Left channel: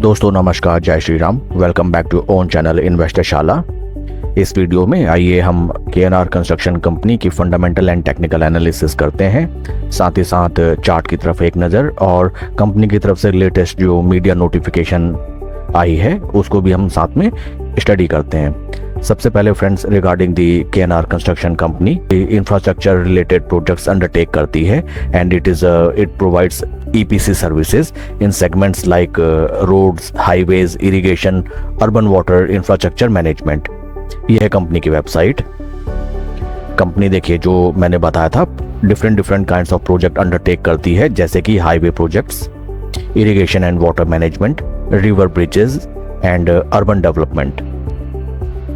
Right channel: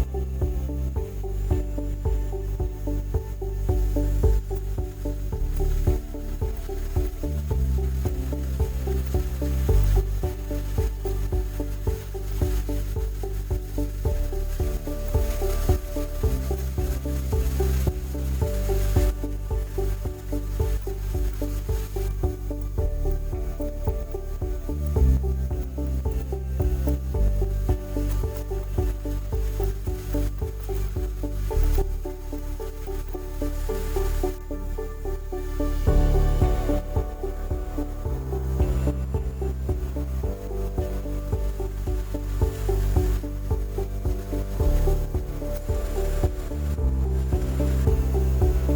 दोस्तों नमस्कार, जय Shri Ram. Welcome back to own channel investor Shala. इस वीडियो में आइए हम केएनआर कंस्ट्रक्शन कंपनी की फंडामेंटल एंड टेक्निकल एनालिसिस करते हैं, साथ ही साथ चार्ट की तरफ एक नज़र और कंपनी की तरफ से लेटेस्ट जो मीडिया नोटिफिकेशन आई है उसको भी हम साथ में स्टडी करते हैं। सबसे पहले friends, regarding the KNR construction company infrastructure related projects undertake करती है and it provides EPC services in segments like roads, highways, irrigation, urban water infrastructure management. ये है कंपनी की वेबसाइट। कंपनी देखिए, जो मैंने बताया था, different kinds of project undertake करती है, जैसे कि highway projects, irrigation and water management, river bridges and urban development.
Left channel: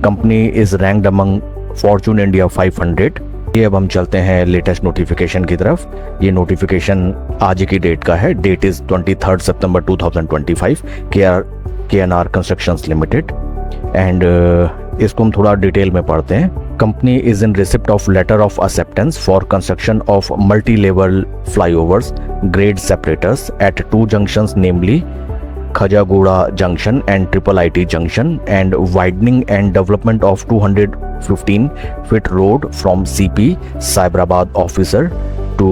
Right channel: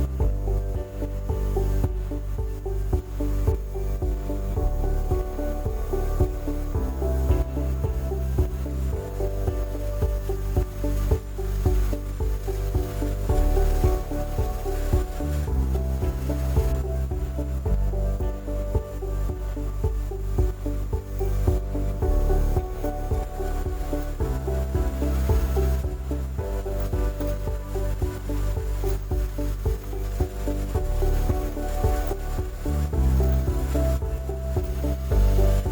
Company is ranked among Fortune India 500। ये अब हम चलते हैं लेटेस्ट नोटिफिकेशन की तरफ। ये नोटिफिकेशन आज की डेट का है। डेट इज 23 सितंबर 2025, केएनआर कंस्ट्रक्शंस लिमिटेड। एंड इसको हम थोड़ा डिटेल में पढ़ते हैं। Company is in receipt of letter of acceptance for construction of multi level flyovers, grade separators at 2 junctions, namely Khajagooda Junction and Triple IT Junction, and widening and development of 215 feet road from CP Cyberabad Officer to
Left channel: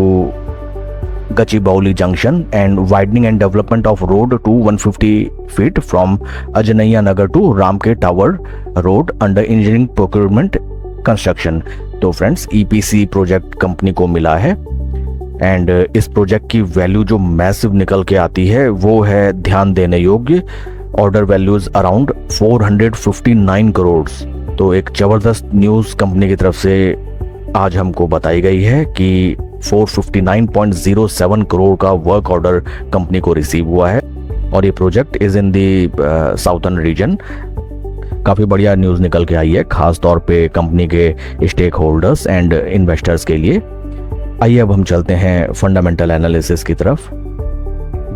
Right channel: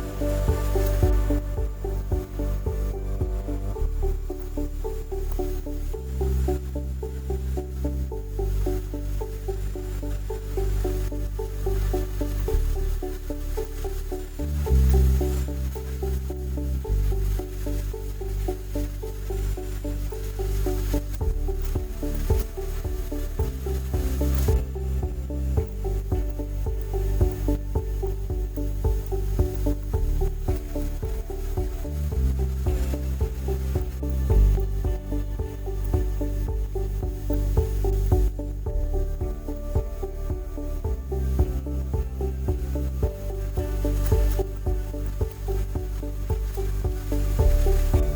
Gachibowli Junction, and widening and development of road to 150 feet from Ajanaiya Nagar to Ramke Tower Road under engineering procurement construction। तो friends, EPC project company को मिला है and इस project की value जो massive निकल के आती है वो है ध्यान देने योग्य। Order values around 459 crore. तो एक ज़बरदस्त न्यूज़ कंपनी की तरफ से आज हमको बताई गई है कि 459.07 करोड़ का वर्क ऑर्डर कंपनी को रिसीव हुआ है और ये project is in the southern reason. काफ़ी बढ़िया न्यूज़ निकल के आई है, खास तौर पे कंपनी के स्टेक होल्डर्स एंड इन्वेस्टर्स के लिए। आइए अब हम चलते हैं फंडामेंटल एनालिसिस की तरफ।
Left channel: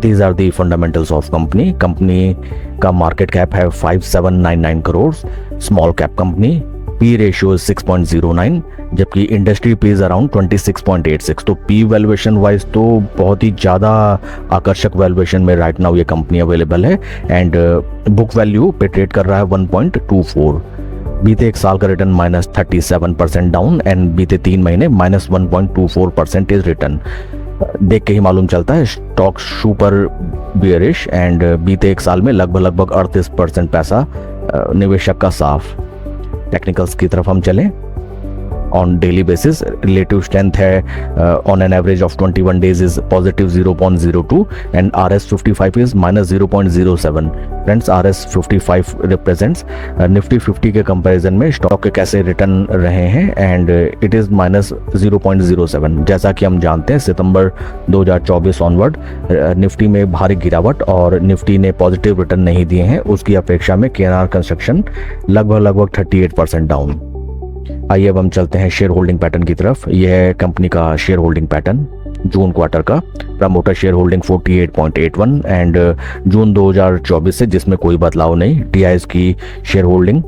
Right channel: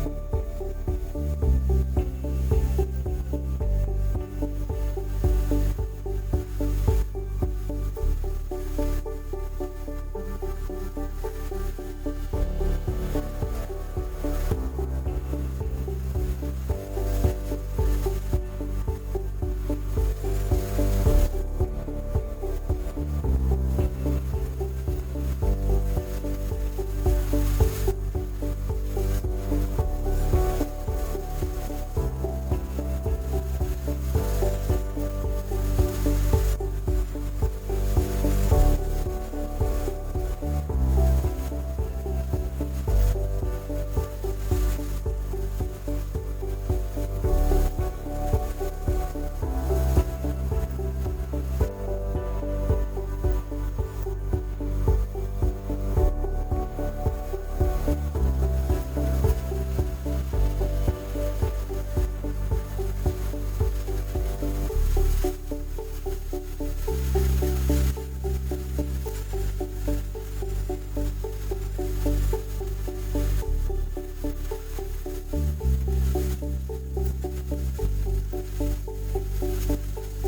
These are the fundamentals of company. Company का मार्केट कैप है 5799 crore, small cap company, P ratio 6.09, जबकि इंडस्ट्री पी इज अराउंड 26.86। तो पी वैल्यूएशन वाइज तो बहुत ही ज़्यादा आकर्षक वैल्यूएशन में राइट नाउ ये कंपनी अवेलेबल है एंड बुक वैल्यू पे ट्रेड कर रहा है 1.24। बीते एक साल का रिटर्न -37% डाउन एंड बीते 3 महीने -1.24% रिटर्न। देख के ही मालूम चलता है स्टॉक सुपर बियरिश एंड बीते एक साल में लगभग 38% पैसा निवेशक का साफ। टेक्निकल्स की तरफ हम चलें। On daily basis relative strength है on an average of 21 days is positive 0.02 and RS55 is -0.07। Friends, RS55 represents Nifty 50 के कंपैरिजन में स्टॉक के कैसे रिटर्न रहे हैं एंड इट इज़ -0.07। जैसा कि हम जानते हैं सितंबर 2024 ऑनवर्ड निफ्टी में भारी गिरावट और निफ्टी ने पॉजिटिव रिटर्न नहीं दिए हैं, उसकी अपेक्षा में केएनआर कंस्ट्रक्शन लगभग 38% डाउन। आइए अब हम चलते हैं शेयर होल्डिंग पैटर्न की तरफ। यह है कंपनी का share holding pattern June quarter का। Promoter share holding 48.81 end June 2024 से जिसमें कोई बदलाव नहीं। DIs की शेयर होल्डिंग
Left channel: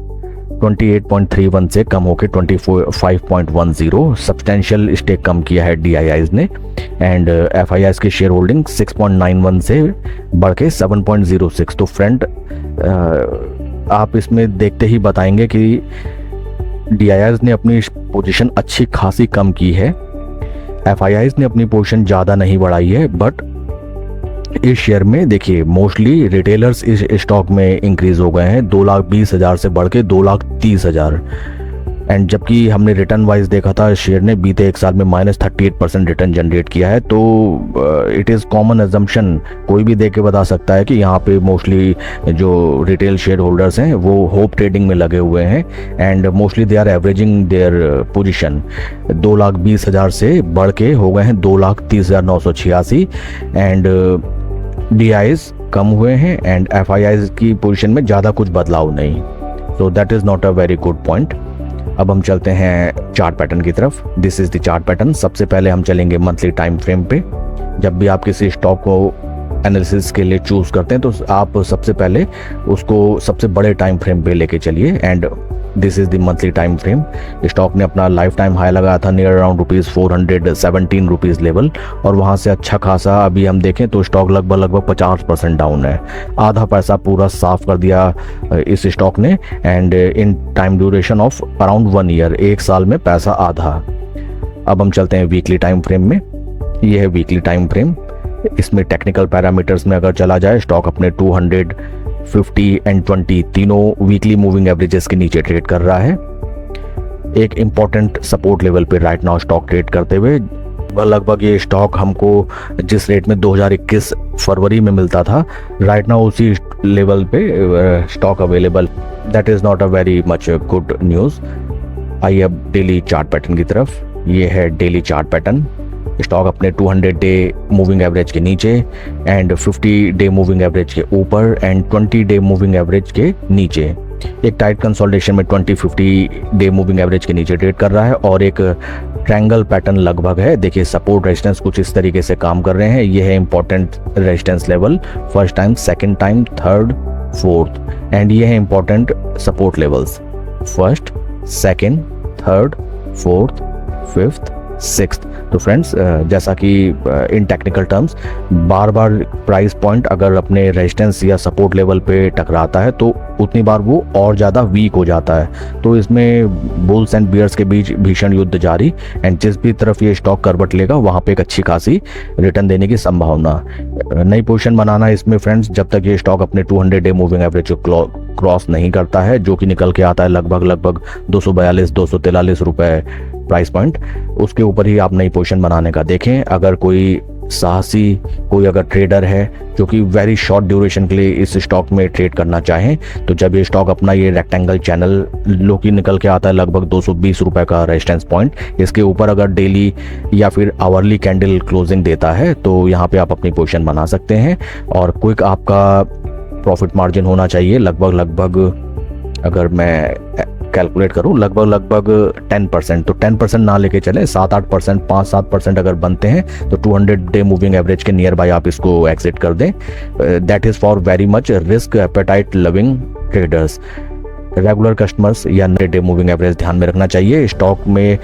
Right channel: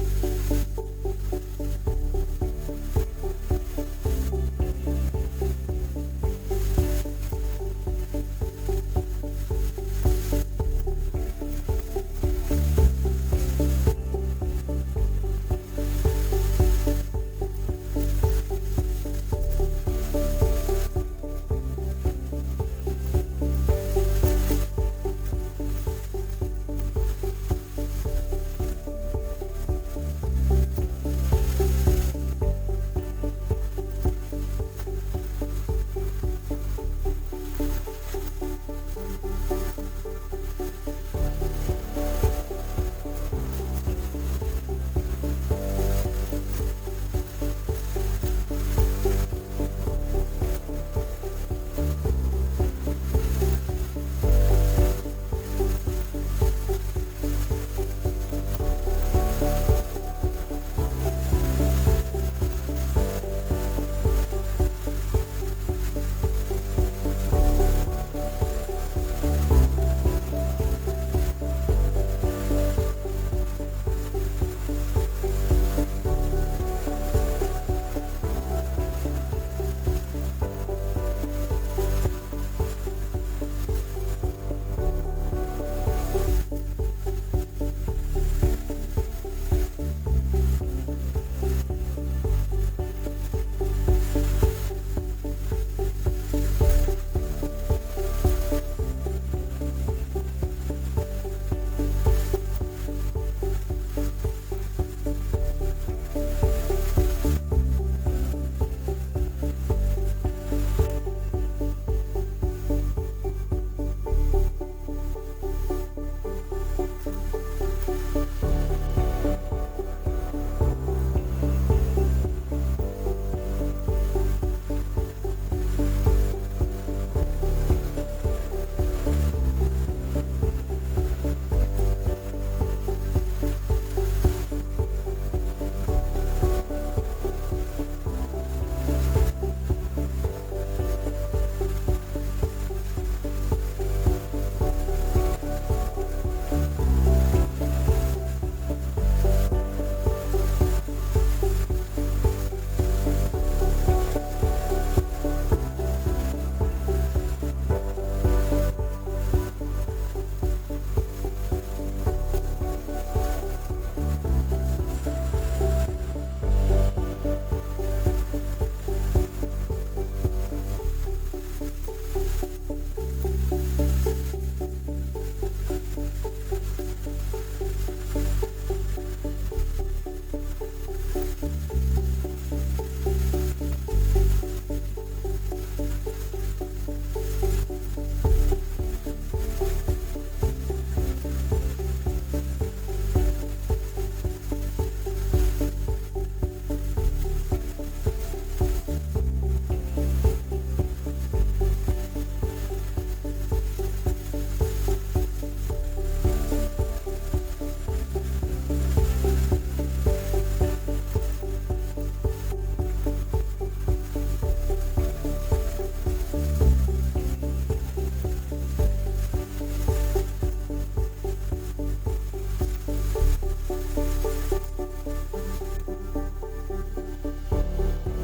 28.31 से कम होकर 25.10, सब्सटेंशियल स्टेक कम किया है DIIs ने। एंड FIIs की शेयर होल्डिंग 6.91 से बढ़ के 7.06। तो फ्रेंड, आप इसमें देखते ही बताएंगे कि DIIs ने अपनी पोजीशन अच्छी खासी कम की है, FIIs ने अपनी पोजीशन ज़्यादा नहीं बढ़ाई है। बट इस शेयर में देखिए मोस्टली रिटेलर्स इस स्टॉक में इंक्रीज हो गए हैं, 2,20,000 से बढ़ के 2,30,000। एंड जबकि हमने रिटर्न वाइज देखा था शेयर ने बीते एक साल में -38% रिटर्न जनरेट किया है। तो इट इज़ कॉमन एजम्पशन, कोई भी देख के बता सकता है कि यहाँ पे मोस्टली जो रिटेल शेयर होल्डर्स हैं वो होप ट्रेडिंग में लगे हुए हैं and mostly they are averaging their position. 2,20,000 से बढ़ के हो गए हैं 2,30,986 एंड DIs कम हुए हैं एंड FIIs की पोजीशन में ज़्यादा कुछ बदलाव नहीं। तो that is not a very good point. अब हम चलते हैं चार्ट पैटर्न की तरफ। This is the chart pattern. सबसे पहले हम चलेंगे मंथली टाइम फ्रेम पे। जब भी आप किसी स्टॉक को एनालिसिस के लिए चूज़ करते हैं तो आप सबसे पहले उसको सबसे बड़े टाइम फ्रेम पे लेके चलिए and this is the monthly time frame. Stock ने अपना लाइफ टाइम हाई लगाया था नियर अराउंड ₹417 लेवल, और वहाँ से अच्छा खासा अभी हम देखें तो स्टॉक लगभग 50% डाउन है। आधा पैसा पूरा साफ कर दिया इस स्टॉक ने, and in time duration of around 1 year, 1 साल में पैसा आधा। अब हम चलते हैं वीकली टाइम फ्रेम में। ये है वीकली टाइम फ्रेम। इसमें टेक्निकल पैरामीटर्स में अगर चला जाए, स्टॉक अपने 200, 50 एंड 20 तीनों वीकली मूविंग एवरेजेस के नीचे ट्रेड कर रहा है। एक इम्पॉर्टेंट सपोर्ट लेवल पे राइट नाउ स्टॉक ट्रेड करते हुए। लगभग ये स्टॉक हमको जिस रेट में 2021 फरवरी में मिलता था, राइट नाउ उसी लेवल पे stock available. That is not a very much good news. आइए अब डेली चार्ट पैटर्न की तरफ। ये है डेली चार्ट पैटर्न। स्टॉक अपने 200 डे मूविंग एवरेज के नीचे एंड 50 डे मूविंग एवरेज के ऊपर एंड 20 डे मूविंग एवरेज के नीचे। एक टाइट कंसोलिडेशन में 20-50 डे मूविंग एवरेज के नीचे ट्रेड कर रहा है, और एक ट्रायंगल पैटर्न लगभग है। देखिए सपोर्ट रेजिस्टेंस कुछ इस तरीके से काम कर रहे हैं। ये है important resistance level, first time, second time, third, fourth, and ये है important support levels, first, second, third, fourth, fifth, sixth. तो फ्रेंड्स, जैसा कि इन टेक्निकल टर्म्स बार बार प्राइस पॉइंट अगर अपने रेजिस्टेंस या सपोर्ट लेवल पे टकराता है तो उतनी बार वो और ज़्यादा वीक हो जाता है। तो इसमें बुल्स एंड बियर्स के बीच भीषण युद्ध जारी, एंड जिस भी तरफ ये स्टॉक करवट लेगा वहाँ पे एक अच्छी खासी रिटर्न देने की संभावना। नई पोजीशन बनाना इसमें फ्रेंड्स, जब तक ये स्टॉक अपने 200 डे मूविंग एवरेज को क्रॉस नहीं करता है, जो कि निकल के आता है लगभग 242-243 रुपए प्राइस पॉइंट, उसके ऊपर ही आप नई पोजीशन बनाने का देखें। अगर कोई साहसी कोई अगर ट्रेडर है जो कि वेरी शॉर्ट ड्यूरेशन के लिए इस स्टॉक में ट्रेड करना चाहें, तो जब ये स्टॉक अपना ये रेक्टेंगल चैनल लो की निकल के आता है लगभग 220 रुपए का रेजिस्टेंस पॉइंट, इसके ऊपर अगर डेली या फिर आवरली कैंडल क्लोजिंग देता है तो यहाँ पे आप अपनी पोजीशन बना सकते हैं। और क्विक आपका प्रॉफिट मार्जिन होना चाहिए लगभग अगर मैं कैलकुलेट करूं लगभग 10%। तो 10% ना लेके चले, 7-8%, 5-7% अगर बनते हैं तो 200 डे मूविंग एवरेज के नियर बाय आप इसको एग्जिट कर दें। That is for very much risk appetite loving traders. Regular customers या डे मूविंग एवरेज ध्यान में रखना चाहिए। स्टॉक में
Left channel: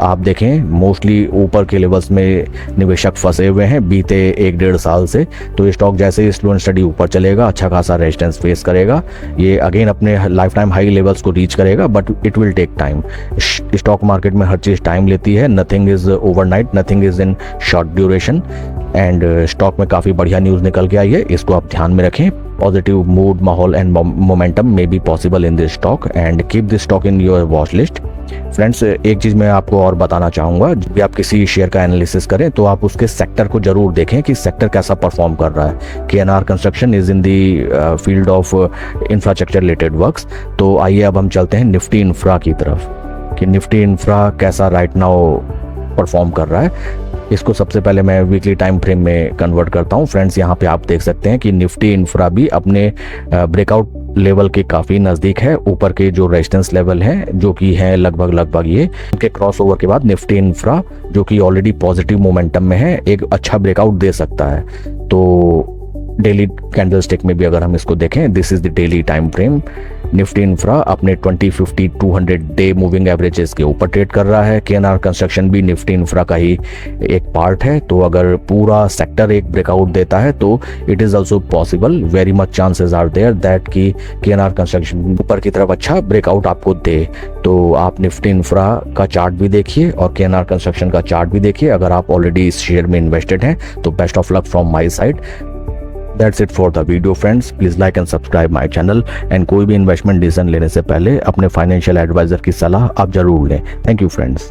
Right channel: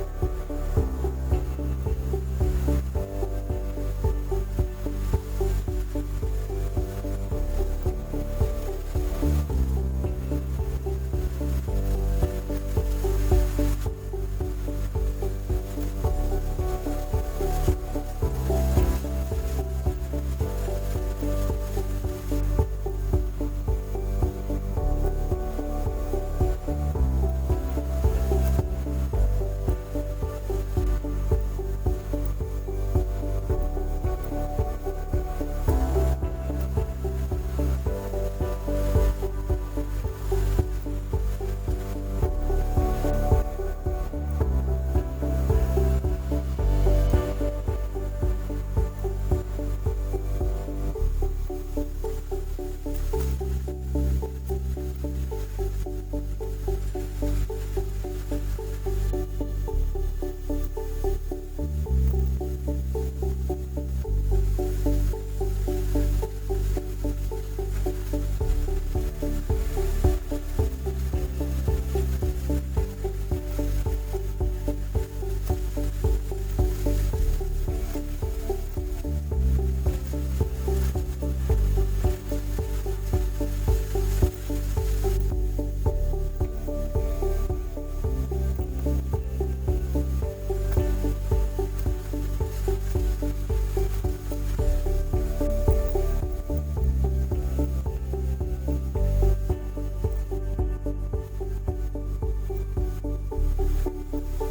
आप देखें मोस्टली ऊपर के लेवल्स में निवेशक फंसे हुए हैं बीते 1-1.5 साल से। तो ये स्टॉक जैसे ही स्लो एंड स्टडी ऊपर चलेगा, अच्छा खासा रेजिस्टेंस फेस करेगा, ये अगेन अपने लाइफ टाइम हाई लेवल्स को रीच करेगा, but it will take time. Stock market में हर चीज़ टाइम लेती है, nothing is overnight, nothing is in short duration. And stock में काफ़ी बढ़िया न्यूज़ निकल के आई है, इसको आप ध्यान में रखें। पॉजिटिव मूड, माहौल and momentum may be possible in this stock and keep this stock in your watch list. Friends, एक चीज़ मैं आपको और बताना चाहूँगा, जब भी आप किसी शेयर का एनालिसिस करें तो आप उसके सेक्टर को जरूर देखें कि सेक्टर कैसा परफॉर्म कर रहा है। KNR construction is in the field of infrastructure related works. तो आइए अब हम चलते हैं निफ्टी इंफ्रा की तरफ कि निफ्टी इंफ्रा कैसा राइट नाउ परफॉर्म कर रहा है। इसको सबसे पहले मैं वीकली टाइम फ्रेम में कन्वर्ट करता हूं। फ्रेंड्स, यहाँ पे आप देख सकते हैं कि निफ्टी इंफ्रा भी अपने ब्रेकआउट लेवल के काफ़ी नज़दीक है। ऊपर के जो रेजिस्टेंस लेवल हैं जो कि हैं लगभग ये उनके क्रॉस ओवर के बाद निफ्टी इंफ्रा जो कि ऑलरेडी पॉजिटिव मोमेंटम में है, एक अच्छा ब्रेकआउट दे सकता है। तो डेली कैंडल स्टिक में भी अगर हम इसको देखें, this is the daily time frame. Nifty infra अपने 20, 50, 200 डे मूविंग एवरेजेस के ऊपर ट्रेड कर रहा है। KNR कंस्ट्रक्शन भी निफ्टी इंफ्रा का ही एक पार्ट है। तो अगर पूरा सेक्टर एक ब्रेकआउट देता है तो it is also possible, very much chances are there that कि KNR कंस्ट्रक्शन ऊपर की तरफ अच्छा ब्रेकआउट आपको दे। तो आप निफ्टी इंफ्रा का चार्ट भी देखिए और KNR कंस्ट्रक्शन का चार्ट भी देखिए। अगर आप ऑलरेडी इस शेयर में इन्वेस्टेड हैं तो best of luck from my side. That's it for the video friends. Please like and subscribe my channel and कोई भी इन्वेस्टमेंट डिसीजन लेने से पहले अपने फाइनेंशियल एडवाइजर की सलाह आप जरूर लें। Thank you friends.